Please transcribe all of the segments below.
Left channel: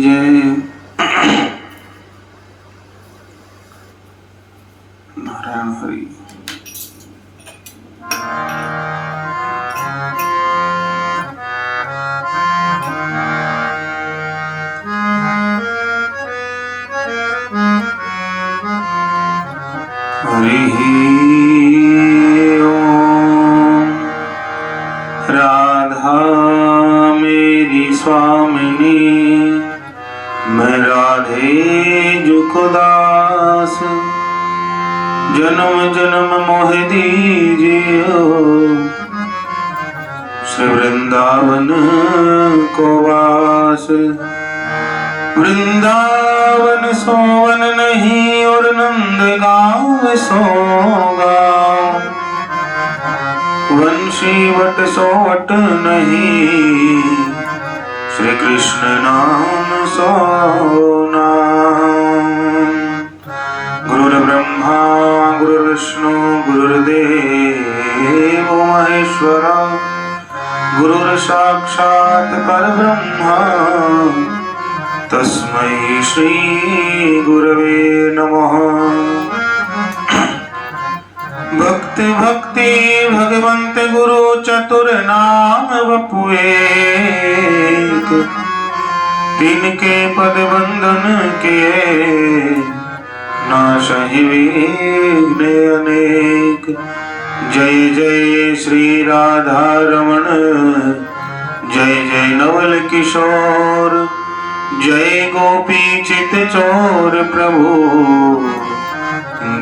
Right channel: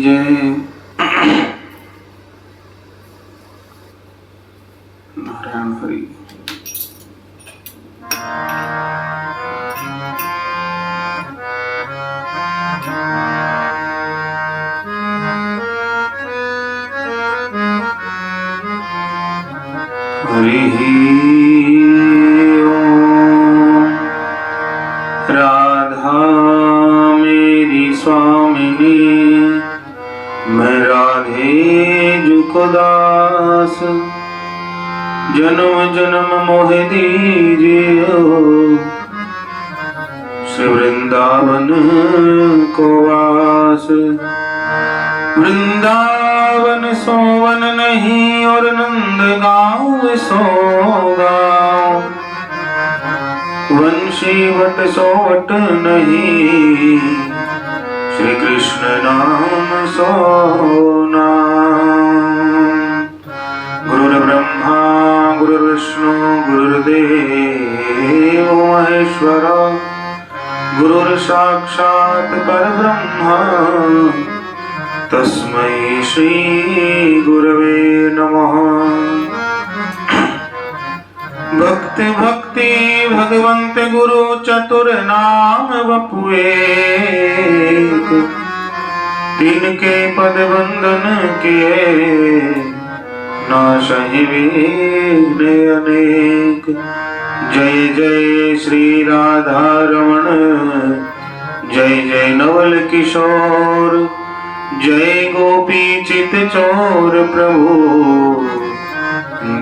जय। नारायण हरि। हरि ओम। राधा मेरी स्वामिनी, मैं राधे जुकदास, जन्म जन्म मोह दीजियो, श्री वृंदावन को वास। वृंदावन सोवन नहीं और नंद गाँव सो गाँव, वंशी वट सोवट नहीं, श्री कृष्ण नाम सो नाम। गुरुर्ब्रह्मा गुरुर्विष्णु गुरुर्देव महेश्वरा, गुरुर्साक्षात् परब्रह्मा, तस्मै श्री गुरवे नमः। भक्ति भक्ति भगवंत गुरु चतुर नाम वपु एक, तिनके पद बंधन किए, नाशहि विघ्न अनेक। जय जय श्री राधा रमण, जय जय नवल किशोर, जय गोपी चित चोर प्रभु,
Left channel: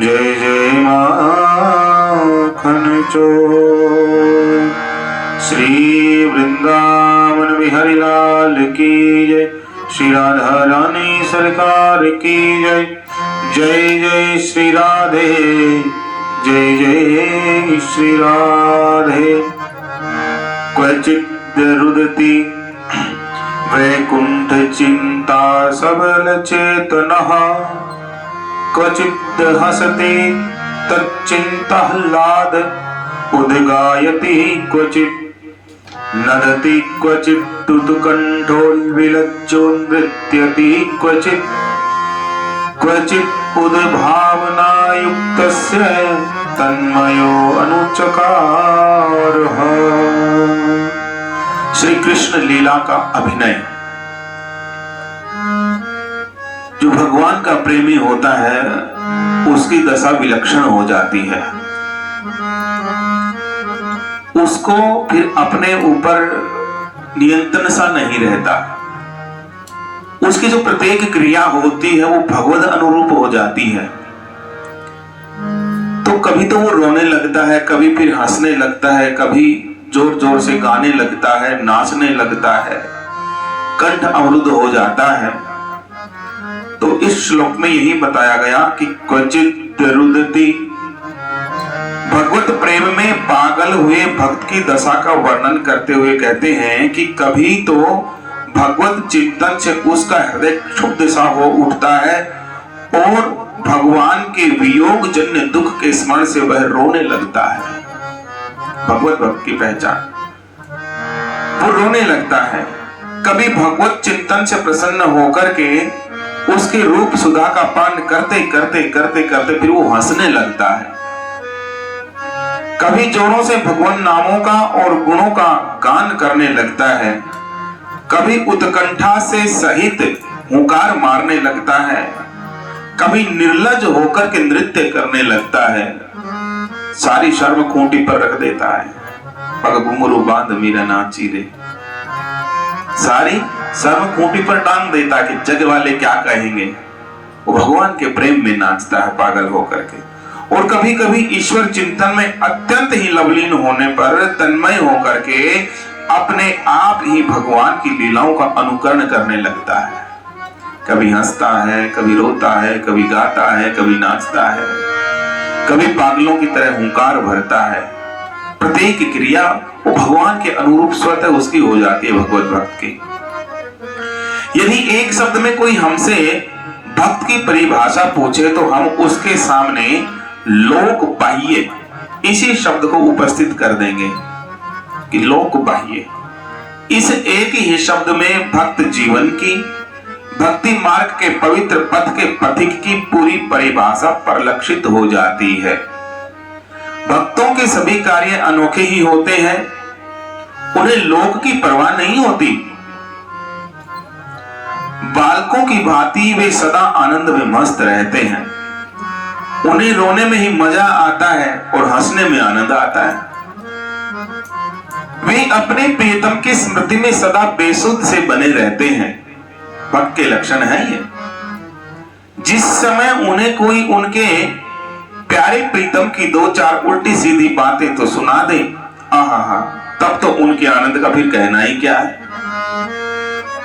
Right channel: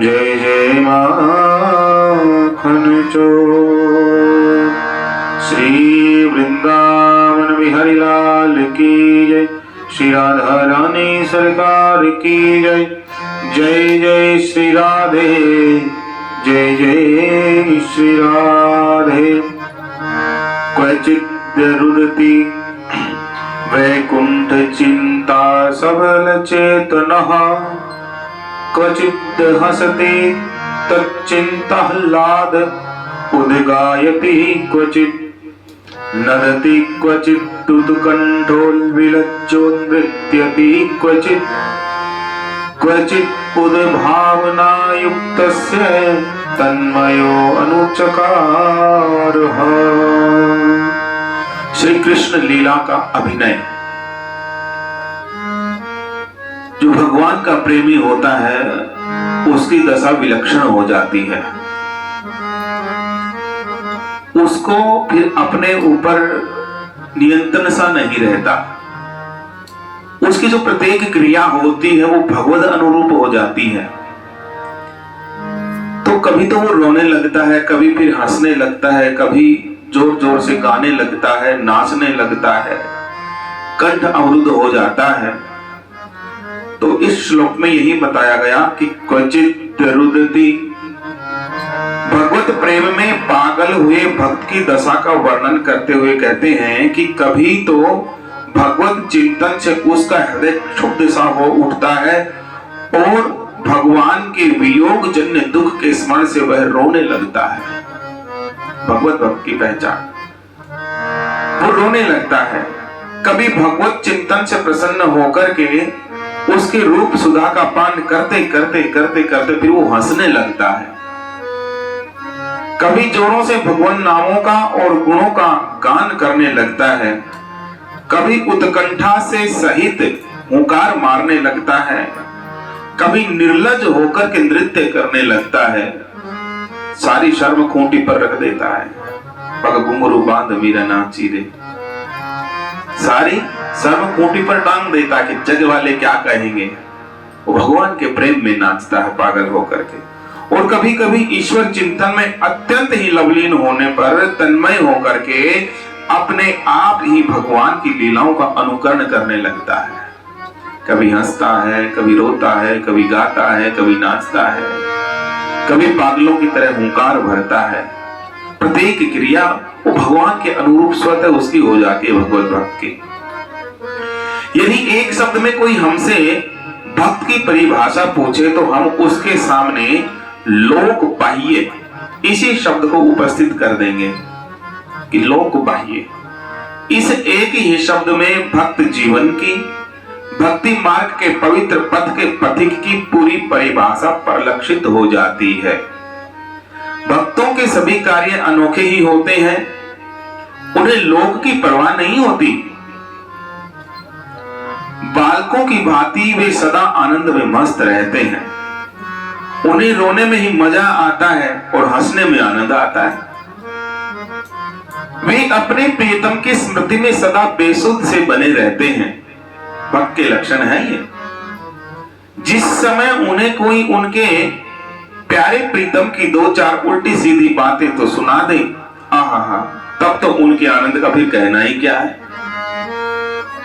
जय जय माखन चोर। श्री वृंदावन बिहारी लाल की जय, श्री राधा रानी सरकार की जय। जय जय श्री राधे, जय जय श्री राधे। क्वचित् रुदति वैकुंठ चिंता सबल चेतनः, क्वचित् हसति तच्चिन्ताह्लाद उद्गायति, क्वचित् नदति क्वचित् उत्कण्ठोल्विलज्जो नृत्यति, क्वचित् उद्भावनायुक्तस्य तन्मयो अनुचकारः। श्री कृष्ण लीला का अभिनय। जो भगवान का प्रेमी होता है उसकी दशा विलक्षण हो जाती है। उसको फिर अपने ऊपर नियंत्रण सा नहीं रहता। उसकी जो प्रत्येक क्रिया होती है वो भगवद अनुरूप हो जाती है। तो कभी तो वो रोने लगता है, कभी फिर हंसने लगता है, कभी जोर जोर से गाने लगता है, नाचने लगता है, कंठ अवरुद्ध हो जाता है। तो इस श्लोक में यही बताया गया कि क्वचित् रुदति, भगवत प्रेम में पागल हुए भक्त की दशा का वर्णन करते हुए कहते हैं कि कभी तो भगवत चिंतन से उसका हृदय क्षुब्ध सा हो उठता है और भगवान के वियोग जन्य दुख के स्मरण से वह रोने लगता है। भगवत भक्त की पहचान, वो रोने लगता है। कभी भगवत चिंतन से प्रसन्न होकर के उसके रूप सुधा का पान करते करते करते करते फिर वो हंसने लगता है। कभी जोरों से भगवान नामों का और गुणों का गान करने लगता है, कभी उत्कंठा से सहित हुंकार मारने लगता है, कभी निर्लज होकर के नृत्य करने लगता है, सारी शर्म खूंटी पर रख देता है। पग घुंघरू बांध मीरा नाची रे, सारी शर्म खूंटी पर टांग देता कि जग वाले क्या कहेंगे। वो भगवान के प्रेम में नाचता है पागल होकर के। और कभी कभी ईश्वर चिंतन में अत्यंत ही लवलीन होने पर तन्मय होकर के अपने आप ही भगवान की लीलाओं का अनुकरण करने लगता है। कभी हंसता है, कभी रोता है, कभी गाता है, कभी नाचता है, कभी पागलों की तरह हुंकार भरता है। प्रत्येक क्रिया वो भगवान के अनुरूप स्वतः उसकी हो जाती है भगवत भक्त की। यदि एक शब्द में कोई हमसे भक्त की परिभाषा पूछे तो हम उसके सामने लोक बाह्य इसी शब्द को उपस्थित कर देंगे कि लोक बाह्य। इस एक ही शब्द में भक्त जीवन की, भक्ति मार्ग के पवित्र पथ के पथिक की पूरी परिभाषा परिलक्षित हो जाती है। भक्तों के सभी कार्य अनोखे ही होते हैं, उन्हें लोक की परवाह नहीं होती। बालकों की भांति वे सदा आनंद में मस्त रहते हैं, उन्हें रोने में ही मजा आता है और हंसने में आनंद आता है। वे अपने प्रियतम की स्मृति में सदा बेसुध से बने रहते हैं। भक्त के लक्षण है ये। जिस समय उन्हें कोई उनके प्यारे प्रीतम की दो चार उल्टी सीधी बातें तो सुना दे, आहा, तब तो उनके आनंद का फिर कहना ही क्या है।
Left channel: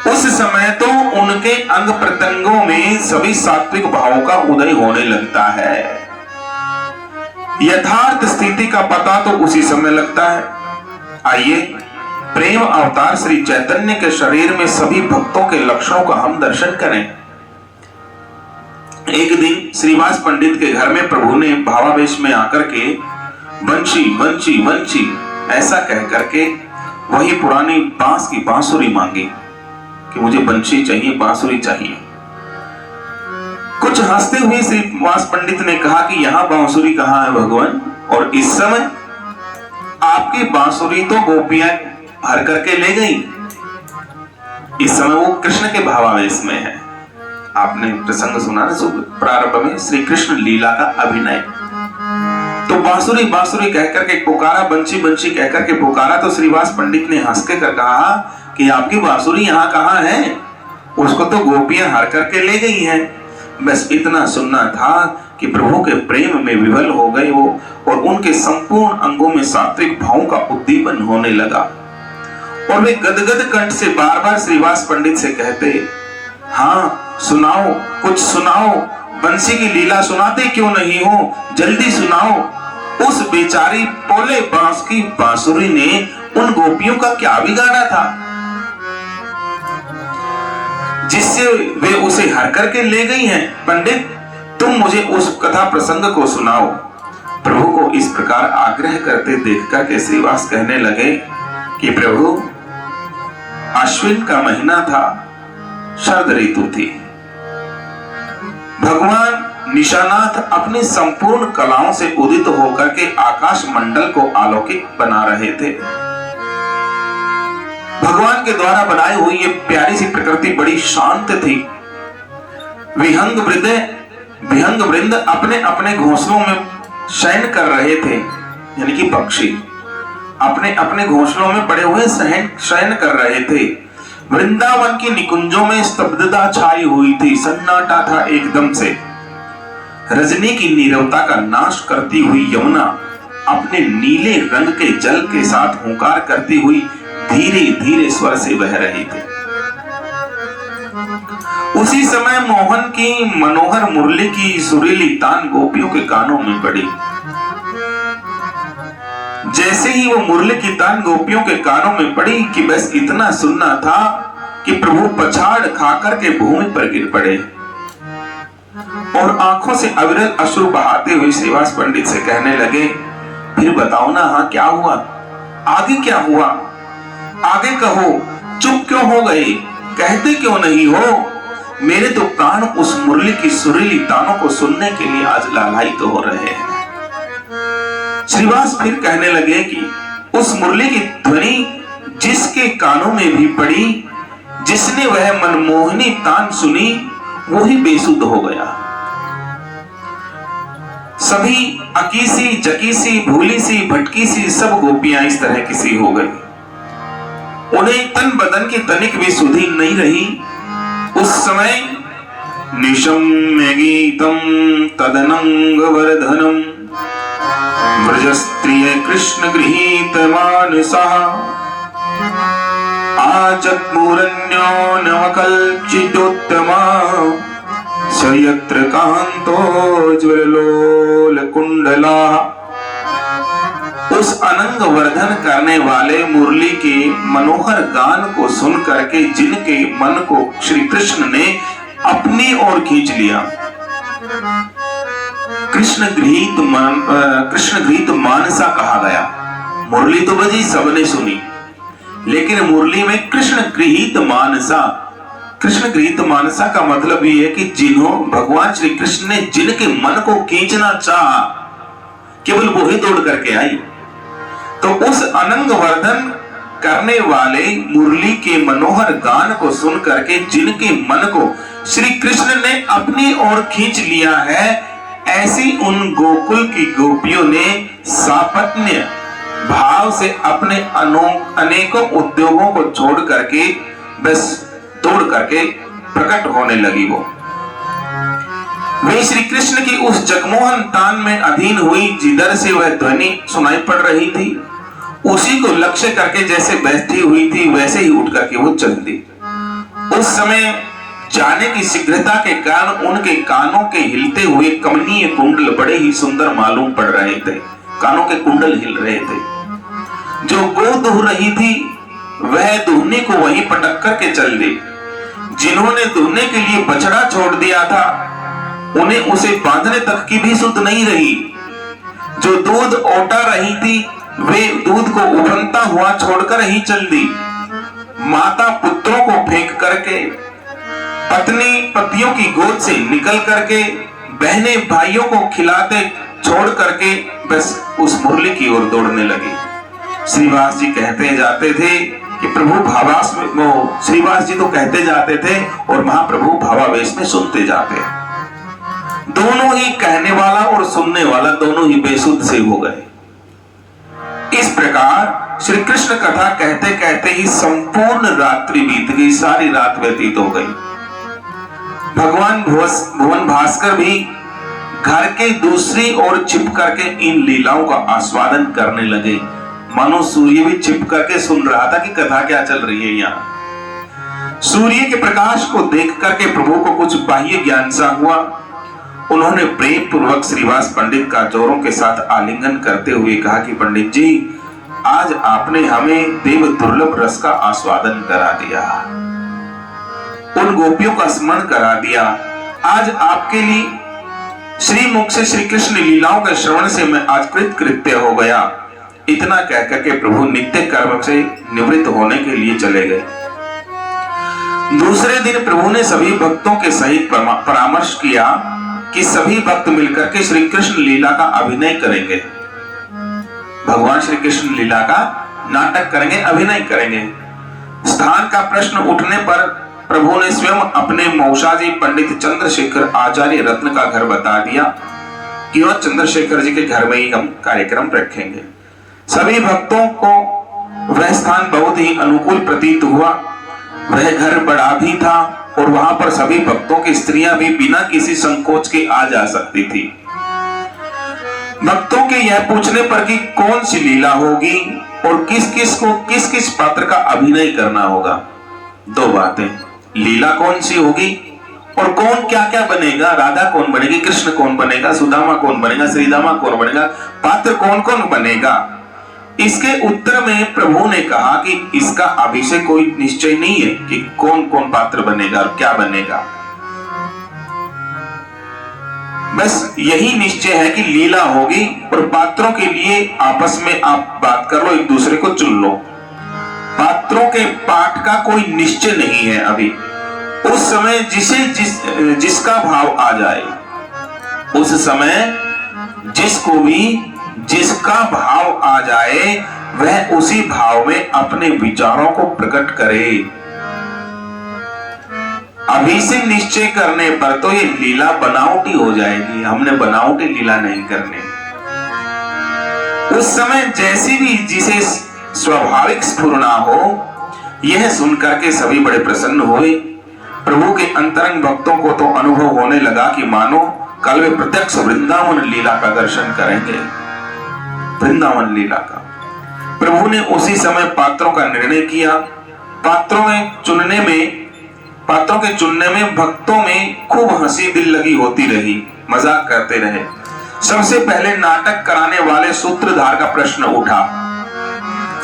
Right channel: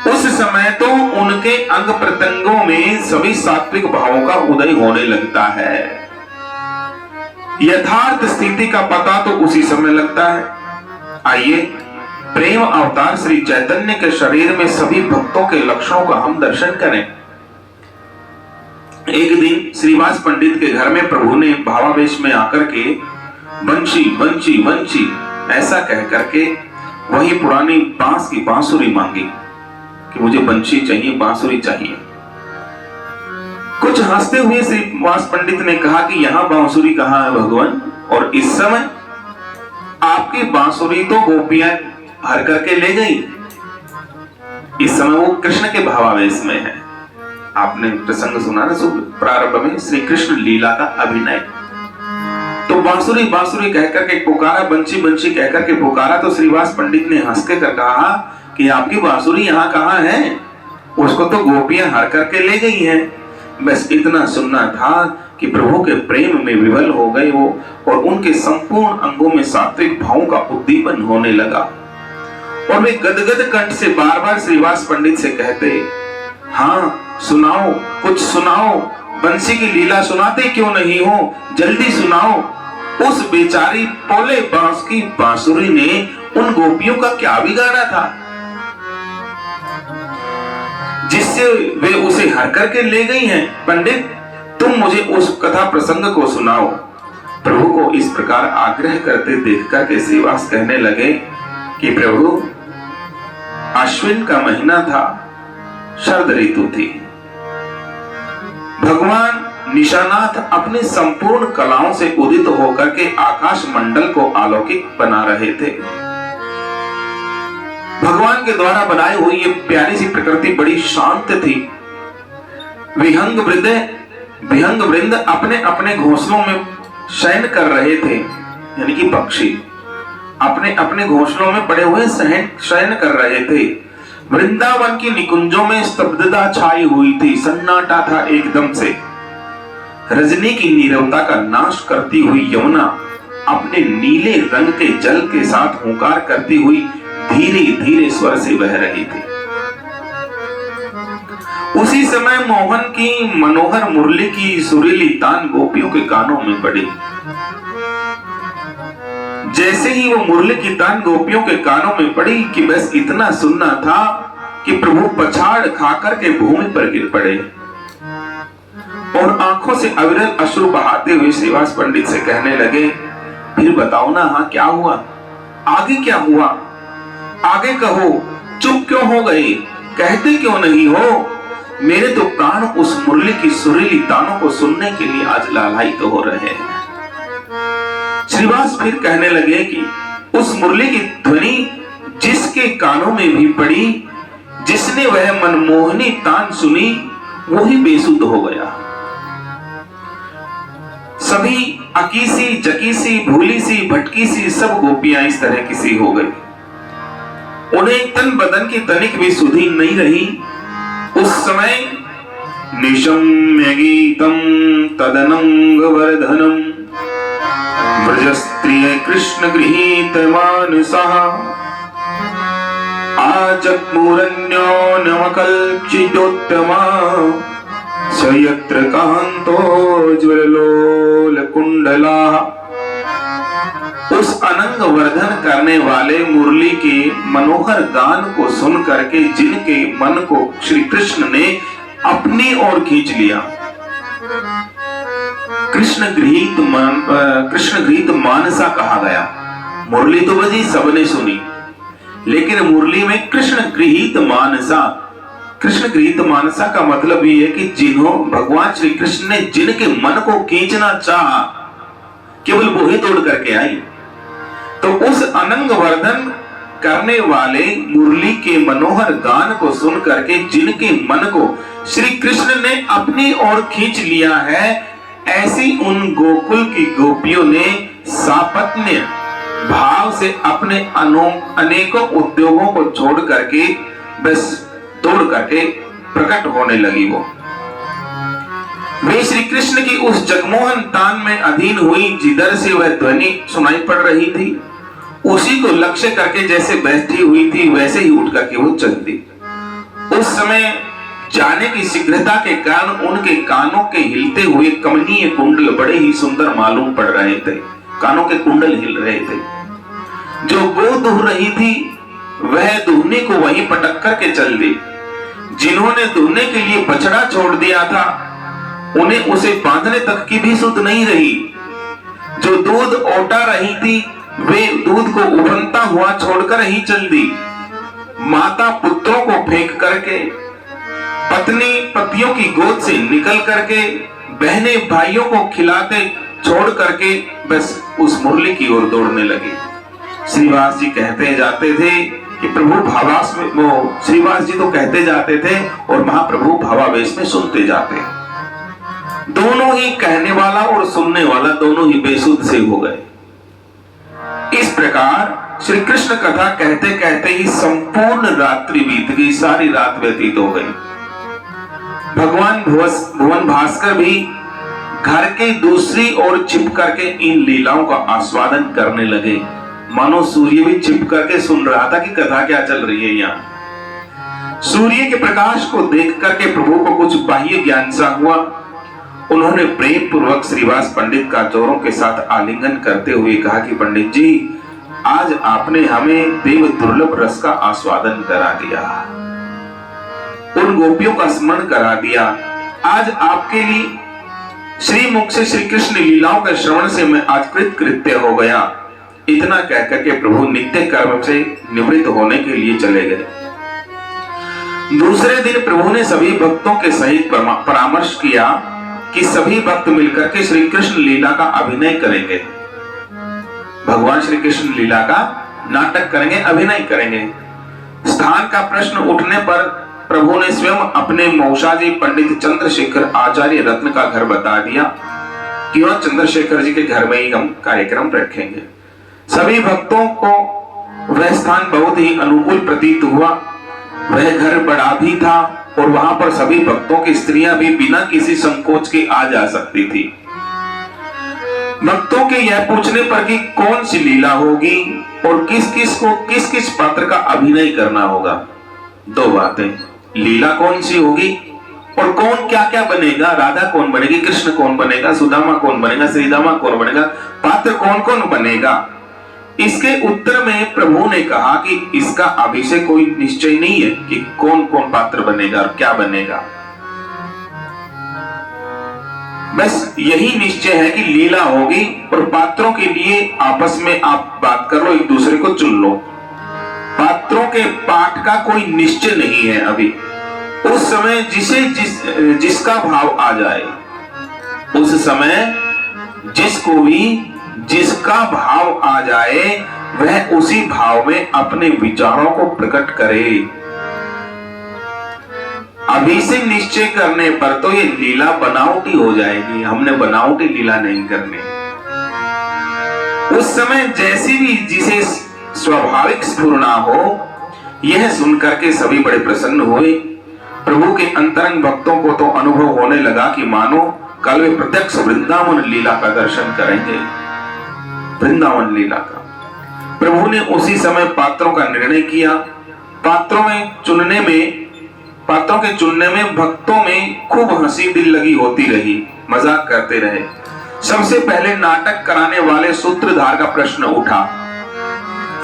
उस समय तो उनके अंग प्रत्यंगों में सभी सात्विक भावों का उदय होने लगता है। यथार्थ स्थिति का पता तो उसी समय लगता है। आइए प्रेम अवतार श्री चैतन्य के शरीर में सभी भक्तों के लक्षणों का हम दर्शन करें। एक दिन श्रीवास पंडित के घर में प्रभु ने भावावेश में आकर के बंशी बंशी बंशी ऐसा कह करके वही पुरानी बांस की बांसुरी मांगी कि मुझे बंशी चाहिए, बांसुरी चाहिए। कुछ हंसते हुए श्रीवास पंडित ने कहा कि यहाँ बांसुरी कहाँ है भगवान, और इस समय आपकी बांसुरी तो गोपियां हर करके ले गई। इस समय वो कृष्ण के भावावेश में है। आपने प्रसंग सुना ना प्रारंभ में, श्री कृष्ण लीला का अभिनय। तो बांसुरी बांसुरी कहकर के पुकारा, बंशी बंशी कहकर के पुकारा, तो श्रीवास पंडित ने हंस के कर कहा कि आपकी बांसुरी यहाँ कहाँ है, उसको तो गोपियां हर करके ले गई हैं। बस इतना सुनना था कि प्रभु के प्रेम में विवल हो गए वो, और उनके संपूर्ण अंगों में सात्विक भावों का उद्दीपन होने लगा, और वे गदगद कंठ से बार बार श्रीवास पंडित से कहते, हाँ सुनाओ, कुछ सुनाओ, बंसी की लीला सुनाते क्यों नहीं हो, जल्दी सुनाओ। उस बेचारी पोले बांस की बांसुरी ने उन गोपियों का क्या बिगाड़ा था जिससे वे उसे हर करके ले गई हैं। पंडित, तुम मुझे उस कथा प्रसंग को सुनाओ। प्रभु को इस प्रकार आग्रह करते देखकर के श्रीवास कहने लगे कि प्रभु, अश्विन का महीना था, शरद ऋतु थी। भगवान निशानाथ अपने संपूर्ण कलाओं से उदित होकर के आकाश मंडल को अलौकिक बना रहे थे। भगवान के द्वारा बनाई हुई ये प्यारी सी प्रकृति बड़ी शांत थी। विहंग वृंद अपने अपने घोंसलों में शयन कर रहे थे, यानी कि पक्षी अपने अपने घोंसलों में पड़े हुए शयन कर रहे थे। वृंदावन की निकुंजों में स्तब्धता छाई हुई थी, सन्नाटा था एकदम से। रजनी की नीरवता का नाश करती हुई यमुना अपने नीले रंग के जल के साथ हुंकार करती हुई धीरे धीरे स्वर से बह रही थी। उसी समय मोहन की मनोहर मुरली की सुरीली तान गोपियों के कानों में पड़ी। जैसे ही वो मुरली की तान गोपियों के कानों में पड़ी कि बस इतना सुनना था कि प्रभु पछाड़ खाकर के भूमि पर गिर पड़े, और आंखों से अविरल अश्रु बहाते हुए श्रीवास पंडित से कहने लगे, फिर बताओ ना, हाँ क्या हुआ, आगे क्या हुआ, आगे कहो, चुप क्यों हो गए, कहते क्यों नहीं हो। मेरे तो कान उस मुरली की सुरीली तानों को सुनने के लिए आज लालायित हो रहे हैं। श्रीवास फिर कहने लगे कि उस मुरली की ध्वनि जिसके कानों में भी पड़ी, जिसने वह मनमोहनी तान सुनी, वो ही बेसुध हो गया। सभी अकीसी जकीसी भूली सी भटकी सी सब गोपियां इस तरह की सी हो गई। उन्हें तन बदन की तनिक भी सुधि नहीं रही। उस समय निशम्य गीतम तदनंग वर्धनम व्रजस्त्रिय कृष्ण गृहीत मानसः आचत्मुरन्यो नवकल्चिदोत्तमा सयत्र कांतो ज्वललोल कुंडला। उस अनंग वर्धन करने वाले मुरली के मनोहर गान को सुन करके जिनके मन को श्री कृष्ण ने अपनी ओर खींच लिया, कृष्ण गृहीत मानसा कहा गया। मुरली तो बजी, सबने सुनी, लेकिन मुरली में कृष्ण गृहीत मानसा, कृष्ण गृहीत मानसा का मतलब ये है कि जिन्हों भगवान श्री कृष्ण ने जिनके मन को खींचना चाहा, केवल वो ही तोड़ करके आई। तो उस अनंग वर्धन करने वाले मुरली के मनोहर गान को सुन करके जिनके मन को श्री कृष्ण ने अपनी ओर खींच लिया है, ऐसी उन गोकुल की गोपियों ने सापत्न्य भाव से अपने अनेकों उद्योगों को छोड़ करके बस तोड़ करके प्रकट होने लगी। वे श्री कृष्ण की उस जगमोहन तान में अधीन हुई, जिधर से वह ध्वनि सुनाई पड़ रही थी, उसी को लक्ष्य करके जैसे बैठी हुई थी वैसे ही उठ करके वो चल दी। उस समय जाने की शीघ्रता के कारण उनके कानों के हिलते हुए कमनीय कुंडल बड़े ही सुंदर मालूम पड़ रहे थे। कानों के कुंडल हिल रहे थे। जो गो दुह रही थी वह दुहने को वहीं पटक करके चल दी। जिन्होंने दुहने के लिए बछड़ा छोड़ दिया था, उन्हें उसे बांधने तक की भी सुध नहीं रही। जो दूध ओटा रही थी, वे दूध को उफनता हुआ छोड़कर ही चल दी। माता पुत्रों को फेंक करके, पत्नी पतियों की गोद से निकल करके, बहने भाइयों को खिलाते छोड़ करके बस उस मुरली की ओर दौड़ने लगी। श्रीवास जी कहते जाते थे कि प्रभु भावावेश में, वो श्रीवास जी तो कहते जाते थे और महाप्रभु भावावेश में सुनते जाते। दोनों ही कहने वाला और सुनने वाला दोनों ही बेसुध से हो गए। इस प्रकार श्री कृष्ण कथा कहते कहते ही संपूर्ण रात्रि बीत गई, सारी रात व्यतीत हो गई। भगवान भुवन भास्कर भी घर के दूसरी ओर छिप करके इन लीलाओं का आस्वादन करने लगे। मानो सूर्य भी छिप करके सुन रहा था कि कथा क्या चल रही है यहाँ। सूर्य के प्रकाश को देख करके प्रभु को कुछ बाह्य ज्ञान सा हुआ। उन्होंने प्रेम पूर्वक श्रीवास पंडित का जोरों के साथ आलिंगन करते हुए कहा कि पंडित जी, आज आपने हमें देव दुर्लभ रस का आस्वादन करा दिया, उन गोपियों का स्मरण करा दिया। आज आपके लिए श्री मुख से श्री कृष्ण लीलाओं के श्रवण से मैं आज कृत्य हो गया। इतना कहकर के प्रभु नित्य कर्म से निवृत्त होने के लिए चले गए। दूसरे दिन प्रभु ने सभी भक्तों के सहित परामर्श किया कि सभी भक्त मिलकर के श्री कृष्ण लीला का अभिनय करेंगे। भगवान श्री कृष्ण लीला का नाटक करेंगे, अभिनय करेंगे। स्थान का प्रश्न उठने पर प्रभु ने स्वयं अपने मौसाजी पंडित चंद्रशेखर आचार्य रत्न का घर बता दिया कि वह चंद्रशेखर जी के घर में ही हम कार्यक्रम रखेंगे। सभी भक्तों को वह स्थान बहुत ही अनुकूल प्रतीत हुआ। वह घर बड़ा भी था और वहां पर सभी भक्तों की स्त्रियां भी बिना किसी संकोच के आ जा सकती थी। भक्तों के यह पूछने पर कि कौन सी लीला होगी और किस किस पात्र का अभिनय करना होगा, दो बातें, लीला कौन सी होगी और कौन क्या क्या बनेगा, राधा कौन बनेगी, कृष्ण कौन बनेगा, सुदामा कौन बनेगा, श्रीदामा कौन बनेगा, पात्र कौन कौन बनेगा। इसके उत्तर में प्रभु ने कहा कि इसका अभी से कोई निश्चय नहीं है कि कौन कौन पात्र बनेगा और क्या बनेगा। बस यही निश्चय है कि लीला होगी और पात्रों के लिए आपस में आप बात कर लो, एक दूसरे को चुन लो। पात्रों के पाठ का कोई निश्चय नहीं है अभी। उस समय जिसका भाव आ जाए, उस समय जिसको भी जिसका भाव आ जाए वह उसी भाव में अपने विचारों को प्रकट करे। अभी से निश्चय करने पर तो ये लीला बनावटी हो जाएगी। हमने बनावटी लीला नहीं करनी। उस समय जैसी भी जिसे स्वाभाविक स्फुरना हो, यह सुनकर के सभी बड़े प्रसन्न हुए। प्रभु के अंतरंग भक्तों को तो अनुभव होने लगा कि मानो कल वे प्रत्यक्ष वृंदावन लीला का दर्शन करेंगे। वृंदावन लीला का प्रभु ने उसी समय पात्रों का निर्णय किया। पात्रों के चुनने में भक्तों में खूब हंसी दिल लगी होती रही, मजाक करते रहे। सबसे पहले नाटक कराने वाले सूत्रधार का प्रश्न उठा,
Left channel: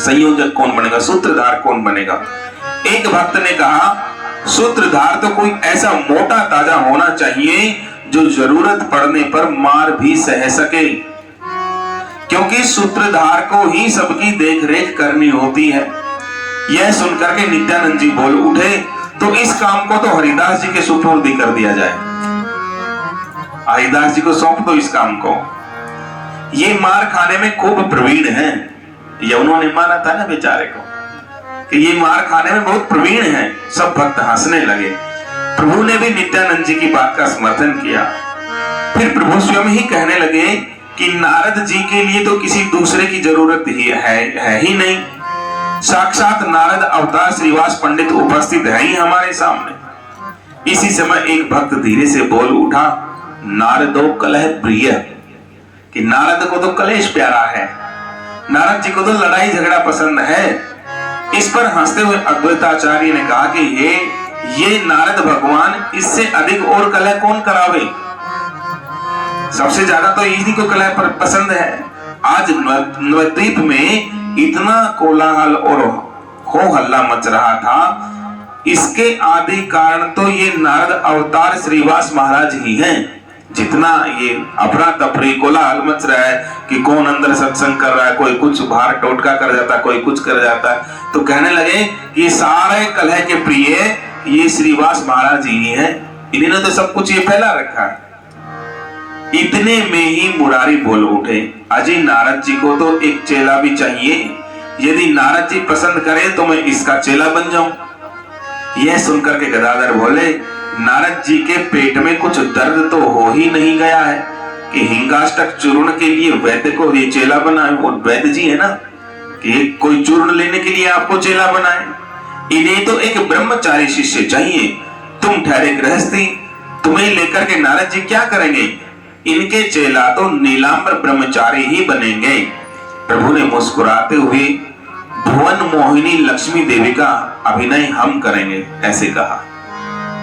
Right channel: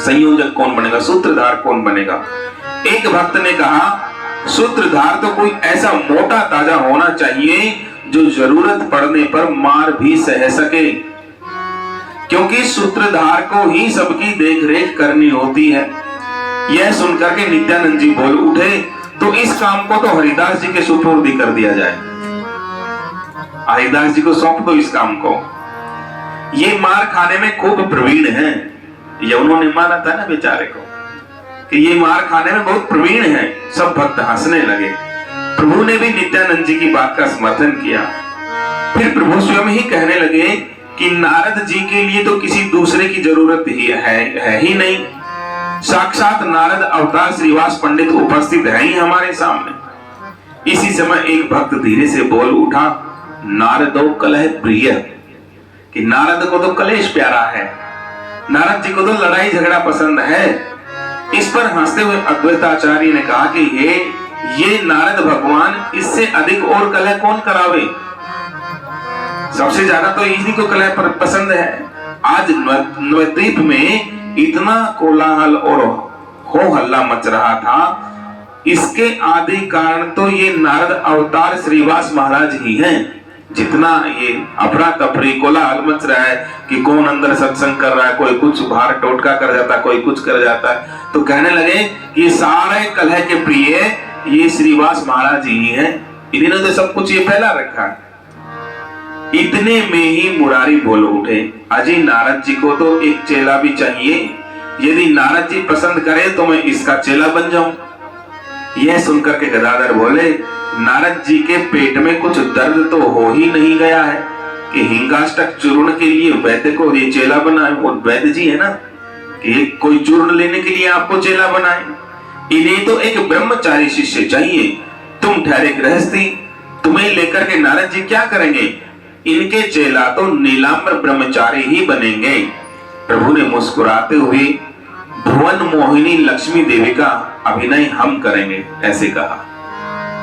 संयोजक कौन बनेगा, सूत्रधार कौन बनेगा। एक भक्त ने कहा, सूत्रधार तो कोई ऐसा मोटा ताजा होना चाहिए जो जरूरत पड़ने पर मार भी सह सके, क्योंकि सूत्रधार को ही सबकी देखरेख करनी होती है। यह सुनकर के नित्यानंद जी बोल उठे, तो इस काम को तो हरिदास जी के सुपुर्द कर दिया जाए, हरिदास जी को सौंप दो इस काम को। ये मार खाने में खूब प्रवीण है। यमुनों ने मारा था ना बेचारे को कि ये मार खाने में बहुत प्रवीण है। सब भक्त हंसने लगे। प्रभु ने भी नित्यानंद जी की बात का समर्थन किया। फिर प्रभु स्वयं ही कहने लगे कि नारद जी के लिए तो किसी दूसरे की जरूरत ही है ही नहीं। साक्षात नारद अवतार श्रीवास पंडित उपस्थित है ही हमारे सामने। इसी समय एक भक्त धीरे से बोल उठा, नारदो कलह प्रिय, कि नारद को तो कलेश प्यारा है, नारद जी को तो लड़ाई झगड़ा पसंद है। इस पर हंसते हुए अद्वैताचार्य ने कहा कि ये नारद भगवान, इससे अधिक और कलह कौन करावे? सबसे ज्यादा तो इन्हीं को कलह पर पसंद है। आज नवद्वीप में इतना कोलाहल और हो हल्ला मच रहा था, इसके आदि कारण तो ये नारद अवतार श्रीवास महाराज ही हैं। जितना ये अफरा तफरी कोलाहल मच रहा है कि कौन अंदर सत्संग कर रहा है, कोई कुछ बाहर टोटका कर जाता है, कोई कुछ कर जाता है, तो कहने लगे कि सारे कलह के प्रिय ये श्रीवास महाराज ही हैं। इन्होंने तो सब कुछ ये फैला रखा है। इतने में ही मुरारी बोल उठे, अजी नारद जी को तो एक चेला भी चाहिए। यदि नारद जी पसंद करें तो मैं इसका चेला बन जाऊं। यह सुनकर के गदाधर बोले, नारद जी के पेट में कुछ दर्द तो हो ही नहीं गया है कि हिंगाष्टक चूर्ण के लिए वैद्य को ये चेला बनाए। वो वैद्य जी है ना, कि कोई चूर्ण लेने के लिए आपको चेला बनाए। इन्हें तो एक ब्रह्मचारी शिष्य चाहिए। तुम ठहरे गृहस्थी, तुम्हें लेकर के नारद जी क्या करेंगे? इनके चेला तो नीलांबर ब्रह्मचारी ही बनेंगे। प्रभु ने मुस्कुराते हुए भुवन मोहिनी लक्ष्मी देवी का अभिनय हम करेंगे, ऐसे कहा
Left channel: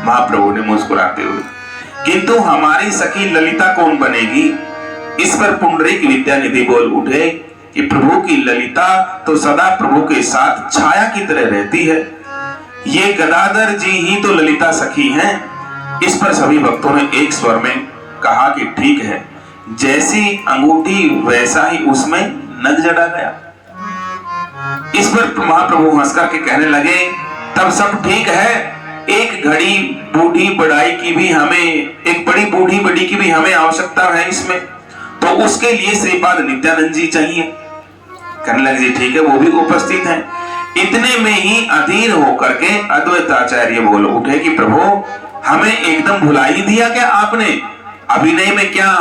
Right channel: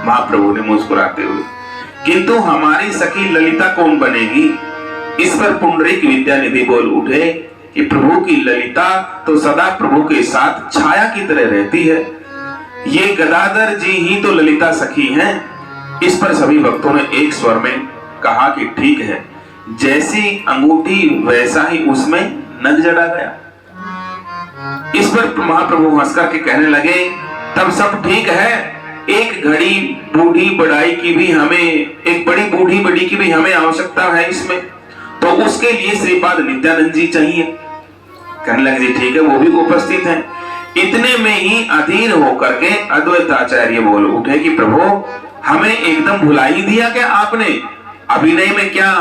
महाप्रभु ने मुस्कुराते हुए। किंतु हमारी सखी ललिता कौन बनेगी? इस पर पुंडरीक विद्यानिधि बोल उठे कि प्रभु की ललिता तो सदा प्रभु के साथ छाया की तरह रहती है। ये गदाधर जी ही तो ललिता सखी हैं। इस पर सभी भक्तों ने एक स्वर में कहा कि ठीक है, जैसी अंगूठी वैसा ही उसमें नग जड़ा गया। इस पर महाप्रभु हंसकर के कहने लगे, तब सब ठीक है। एक घड़ी बूढ़ी बढ़ाई की भी हमें, एक बड़ी बूढ़ी बड़ी की भी हमें आवश्यकता है इसमें, तो उसके लिए श्रीपाद नित्यानंद जी चाहिए। कहने लगे जी ठीक है, वो भी उपस्थित हैं। इतने में ही अधीर होकर के अद्वैताचार्य बोल उठे कि प्रभु हमें एकदम भुला ही दिया क्या आपने? अभिनय में क्या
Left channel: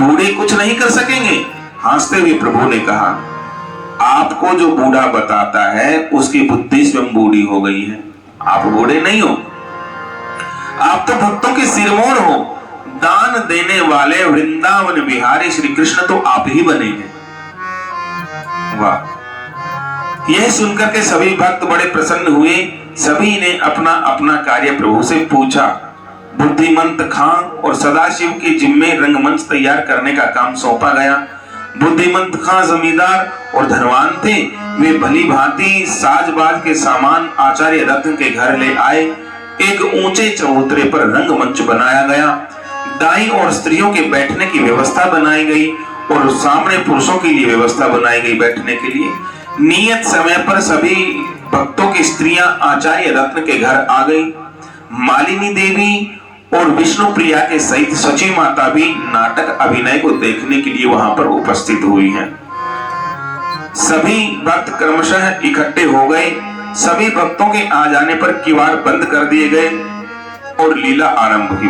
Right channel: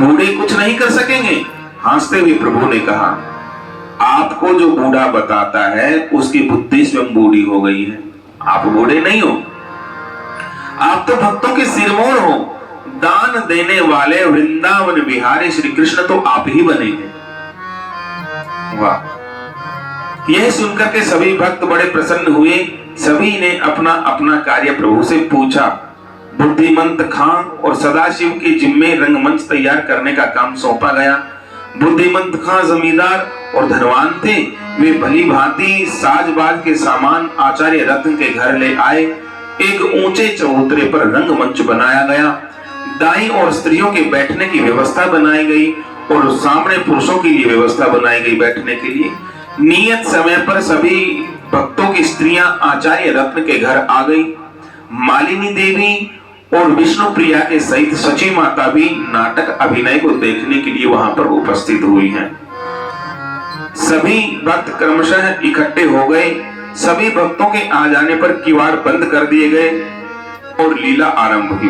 बूढ़े कुछ नहीं कर सकेंगे? हंसते हुए प्रभु ने कहा, आपको जो बूढ़ा बताता है उसकी बुद्धि स्वयं बूढ़ी हो गई है। आप बूढ़े नहीं हो, आप तो भक्तों के सिरमौर हो। दान देने वाले वृंदावन बिहारी श्री कृष्ण तो आप ही बनेंगे। वाह! यह सुनकर के सभी भक्त बड़े प्रसन्न हुए। सभी ने अपना अपना कार्य प्रभु से पूछा। बुद्धिमंत खां और सदाशिव के जिम्मे रंगमंच तैयार करने का काम सौंपा गया। बुद्धिमंत खां जमींदार और धनवान थे। वे भली भांति साज-बाज के सामान आचार्य रत्न के घर ले आए। एक ऊंचे चबूतरे पर रंगमंच बनाया गया। दाई और स्त्रियों के बैठने की व्यवस्था बनाई गई और सामने पुरुषों के लिए व्यवस्था बनाई गई बैठने के लिए। नियत समय पर सभी भक्तों की स्त्रियां आचार्य रत्न के घर आ गई। मालिनी देवी और विष्णु प्रिया के सहित सची माता भी नाटक अभिनय को देखने के लिए वहां पर उपस्थित हुई हैं। सभी भक्त क्रमशः इकट्ठे हो गए। सभी भक्तों के आ जाने पर किवाड़ बंद कर दिए गए और लीला आरंभ हुई।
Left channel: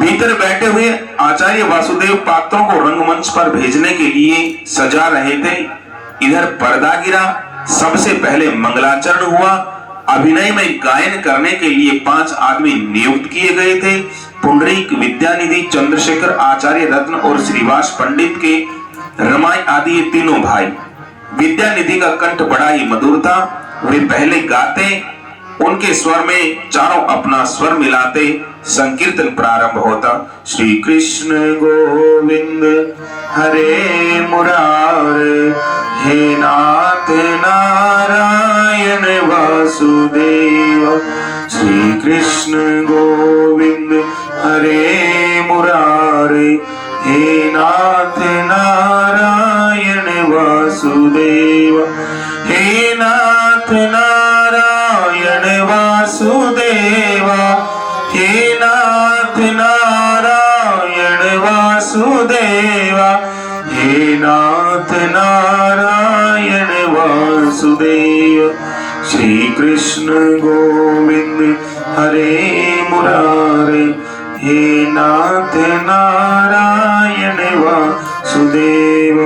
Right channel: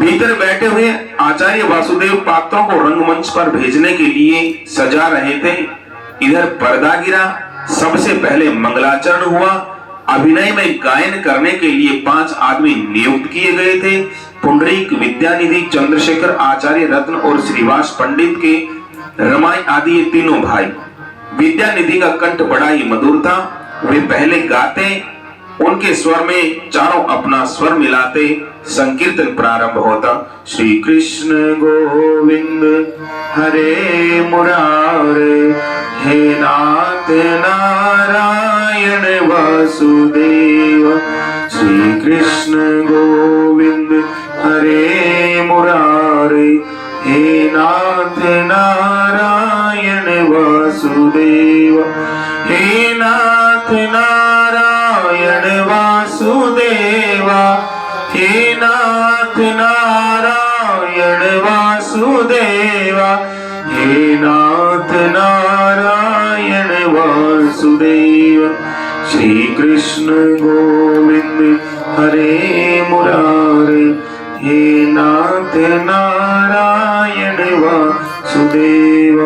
भीतर बैठे हुए आचार्य वासुदेव पात्रों को रंगमंच पर भेजने के लिए सजा रहे थे। इधर पर्दा गिरा। सबसे पहले मंगलाचरण हुआ। अभिनय में गायन करने के लिए 5 आदमी नियुक्त किए गए थे। पुंडरीक विद्यानिधि, चंद्रशेखर, आचार्य रत्न और श्रीवास पंडित के रमाई आदि ये तीनों भाई। विद्यानिधि का कंठ बड़ा ही मधुर था। वे पहले गाते, उनके स्वर में चारों अपना स्वर मिलाते संकीर्तन प्रारंभ होता। श्री कृष्ण गोविंद हरे मुरारे, हे नाथ नारायण वासुदेव। श्री कृष्ण गोविंद हरे मुरारे, हे नाथ नारायण वासुदेव। हे नाथ नारायण वासुदेवा, हे नाथ नारायण वासुदेवा, हे नाथ नारायण वासुदेव। श्री कृष्ण गोविंद हरे मुरारे, हे नाथ नारायण वासुदेव,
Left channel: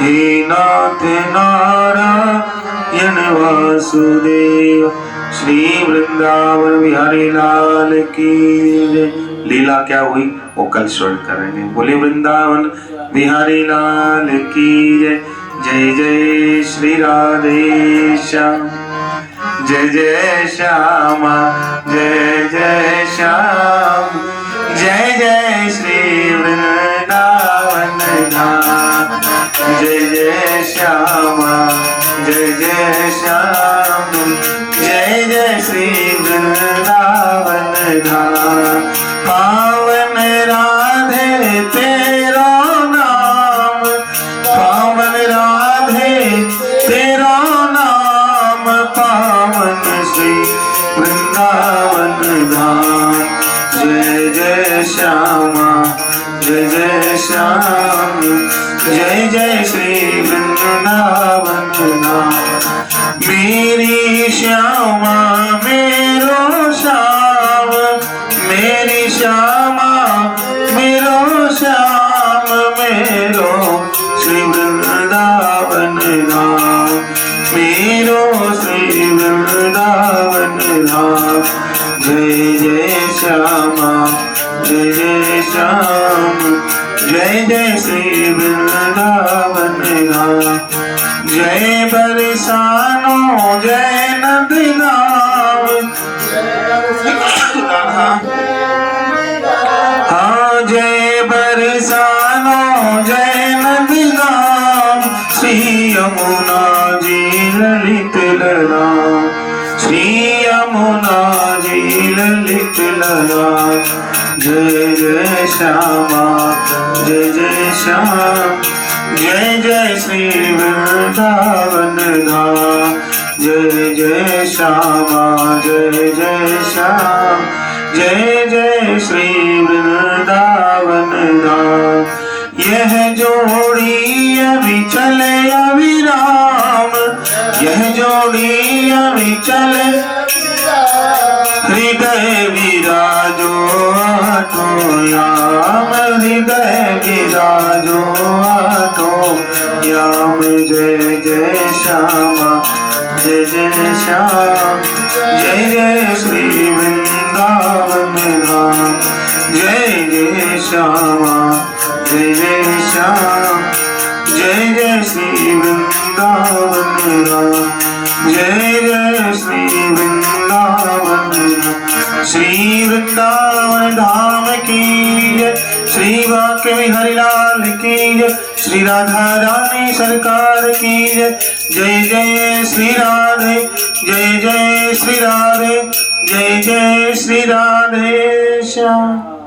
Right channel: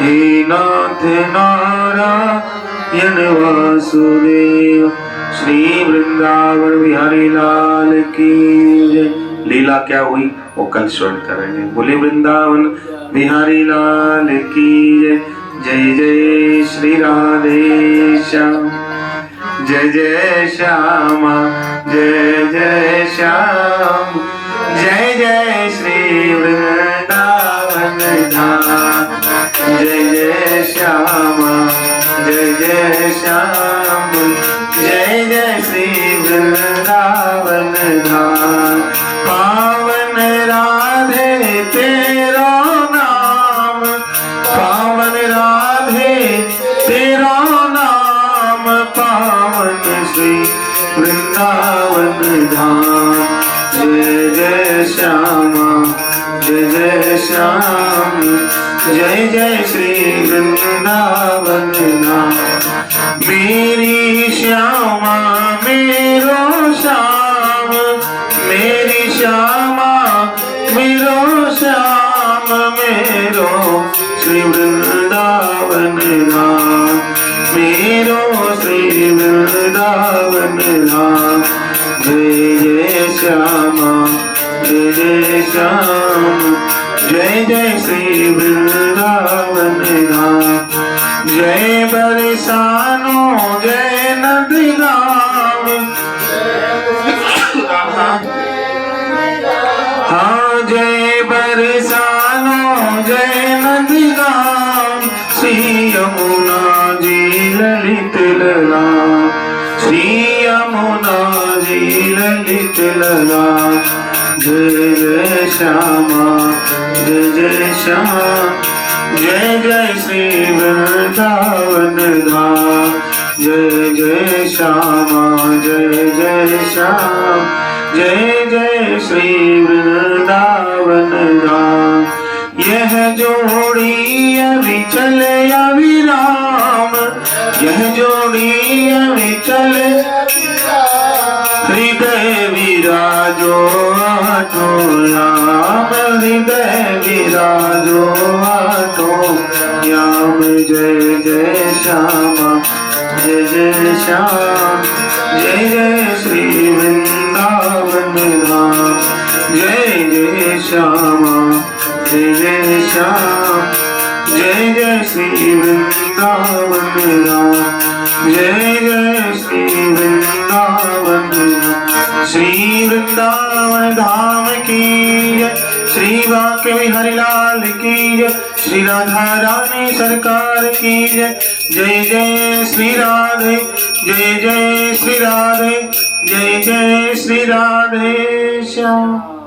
हे नाथ नारायण वासुदेव। श्री वृंदावन बिहारी लाल की जय। लीला क्या हुई वो कल स्वर्ण करेंगे। बोले वृंदावन बिहारी लाल की जय। जय जय श्री राधे श्याम, जय जय श्यामा, जय जय श्याम, जय जय श्री वृंदावन धाम। जय जय श्यामा, जय जय श्याम, जय जय श्री वृंदावन धाम। पावन राधे तेरा नाम, पावन राधे तेरा नाम, पावन श्री वृंदावन धाम। जय जय श्यामा, जय जय श्याम, जय जय श्री वृंदावन धाम। मेरी श्यामा मेरो श्याम, मेरी श्यामा मेरो श्याम, मेरो श्री वृंदावन धाम, मेरो श्री वृंदावन धाम। जय जय श्यामा, जय जय श्याम, जय जय श्री वृंदावन धाम। जय बरसानो जय नंदगांव, हाँ जय बरसानो जय नंदगांव। श्री यमुना जी ललित लला, श्री यमुना जी ललित लला। जय जय श्यामा, जय जय श्याम, जय जय श्री वृंदावन धाम। जय जय श्यामा, जय जय श्याम, जय जय श्री वृंदावन धाम। यह जोड़ी अविचल अविराम, यह जोड़ी अविचल हृदय विराजो आठो याम, हृदय विराजो आठो याम। जय जय श्यामा, जय जय श्याम, जय जय श्री वृंदावन धाम। जय जय श्यामा, जय जय श्याम, जय जय श्री वृंदावन धाम। जय जय श्री वृंदावन धाम। श्री वृंदावन धाम की जय। श्री बांके बिहारी लाल की जय। श्री राधा रानी सरकार की जय। जय जय श्री राधे, जय जय श्री राधे, जय जय श्री राधे श्याम।